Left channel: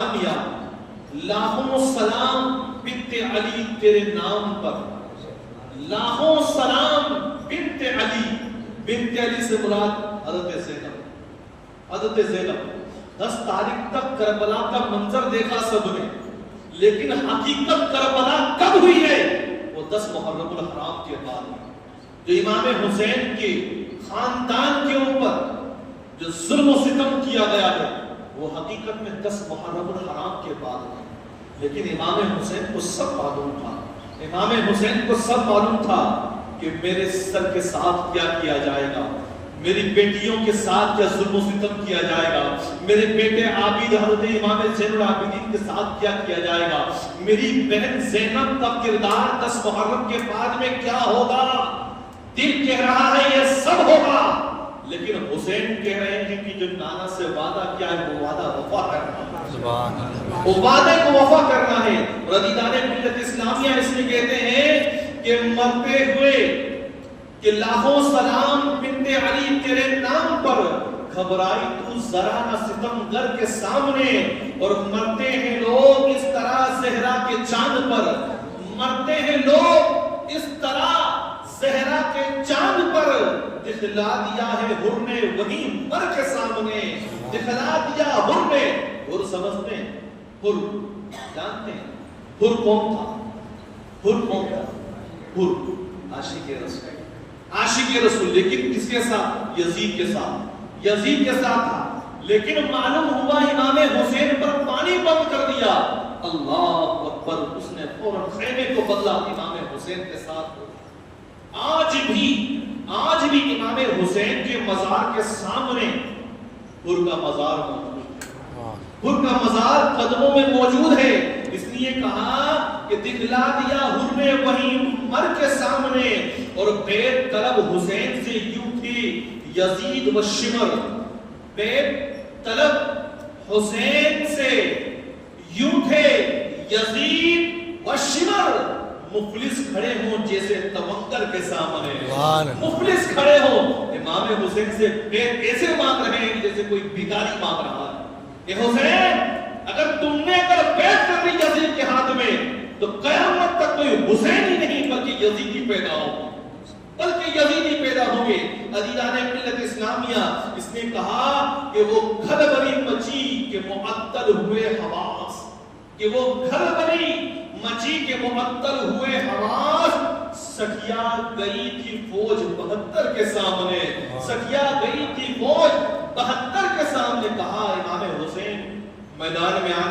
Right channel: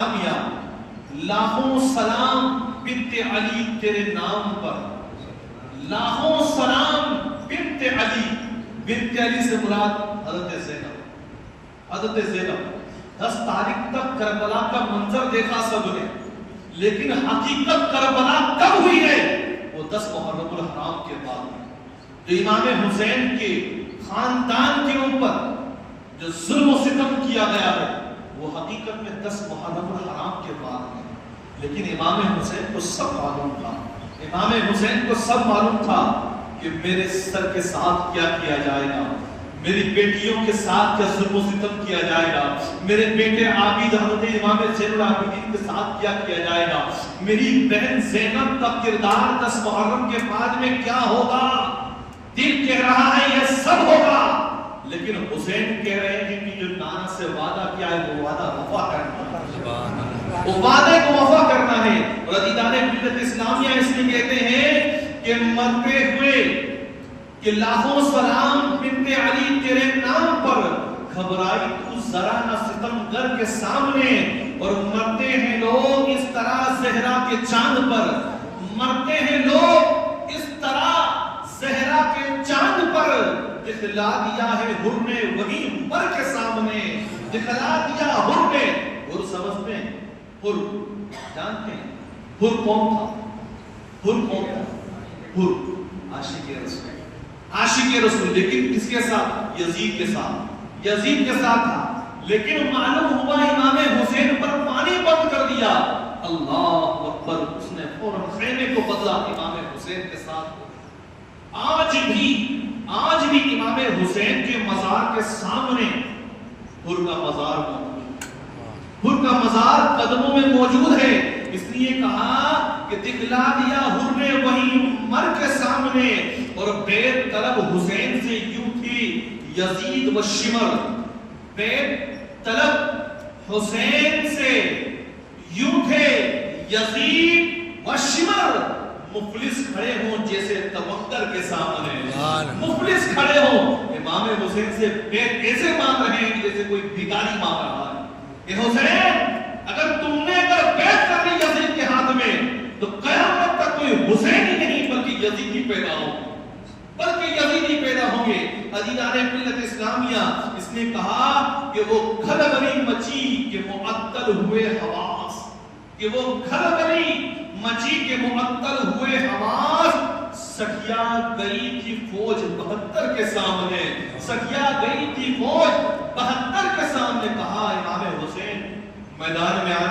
لاکھوں سلام بنت علی تیرے نام پر، لاکھوں سلام بنت علی، بنت علی سے مراد حضرت زینب، حضرت زینب۔ 10 تاریخ تک کربلا کا منظر دیکھا سب نے، لیکن حقیقت کربلا کب ہوئی ہے؟ وہ 10 محرم الحرام کے بعد ہوئی۔ جو امام حسین کے خاندان کے اوپر جو ظلم و ستم کیا گیا ہے وہ حقیقت میں 10 محرم الحرام کے بعد ہے، لیکن امام حسین کو سب معلوم تھا، امام حسین کو سب معلوم تھا کہ میرے سر کے ساتھ کیا کیا جائے گا، میری بیٹیوں کے ساتھ کیا ظلم و ستم کیا جائے گا، میرے بیٹے عابد حضرت امام زین العابدین کے ساتھ کیا کیا جائے گا، میری بہن زینب کا کردار 10 محرم کے بعد میں کیا ہوگا۔ دل کہہ رہا ہے یہ سب ہوگا، لیکن حسین کہہ رہے ہیں کہ جو نانا سے وعدہ کیا ہے وہ وعدہ وفا کرنا ہے، وہ وعدے کو وفا کرنا ہے۔ اور عزیزان ملت اسلامیہ اس میں کہتے ہیں کہ مرتے ہوئے کہ لاکھوں سلام بنت علی تیرے نام پر، گھبرائی تو ذرا نہ ستمگر کے سامنے، اور مرتے ہیں لوگ اس طرح زہرا کے چاند پر، مرتے ہیں لوگ اس طرح زہرا کے چاند پر، دکھلا دیا ہے حر نے وہی مر کے سامنے، دکھلا دیا حر نے۔ حر سمجھتے ہیں؟ حر جانتے ہیں حر کون تھا؟ حر کون تھا؟ حر عاشق رسول، عاشق رسول، لیکن کس کے ساتھ؟ یزید کے ساتھ، یزید کے ساتھ تھا، لیکن معلوم ہوا امام حسین پر پانی بند کر دیا، اللہ اکبر، اس نے فوراً خیمے کو بدلا، امام حسین کے ساتھ۔ آج بھی امام حسین کے مزار کے سامنے حر کا مزار موجود ہے، حر کا مزار قدموں میں موجود ہے، اس لیے کہا کہ دکھلا دیا حر نے وہی مر کے سامنے، اور بیت طلب حسین سے یوں تھی یزید و شمر، بیت طلب حسین سے یوں تھے یزید و شمر، مفلس کھڑے ہوں جیسے توانگر کے سامنے، مفلس کھڑے ہوں امام حسین سے بیت ایسے مانگ رہے ہیں جیسے کوئی بھکاری مانگ رہا ہے۔ اے حسین، اگر تم نے بیت کر لی یزید کے ہاتھ میں تو قیامت تک کوئی حسین ہی نہیں بلکہ یزید ہی پیدا ہوں گے۔ عزیزان ملت اسلامیہ، اس نے کہا کہ وہ گھر بری مچی کے معطل ہوئے حواس، کہ وہ گھر بری مچی کے معطل ہوئے حواس، سکھیا گئی تھی فوج 72 کے سامنے، سکھیا گئی تھی فوج 72 کے سامنے، کہا امام حسین میدان میں آنے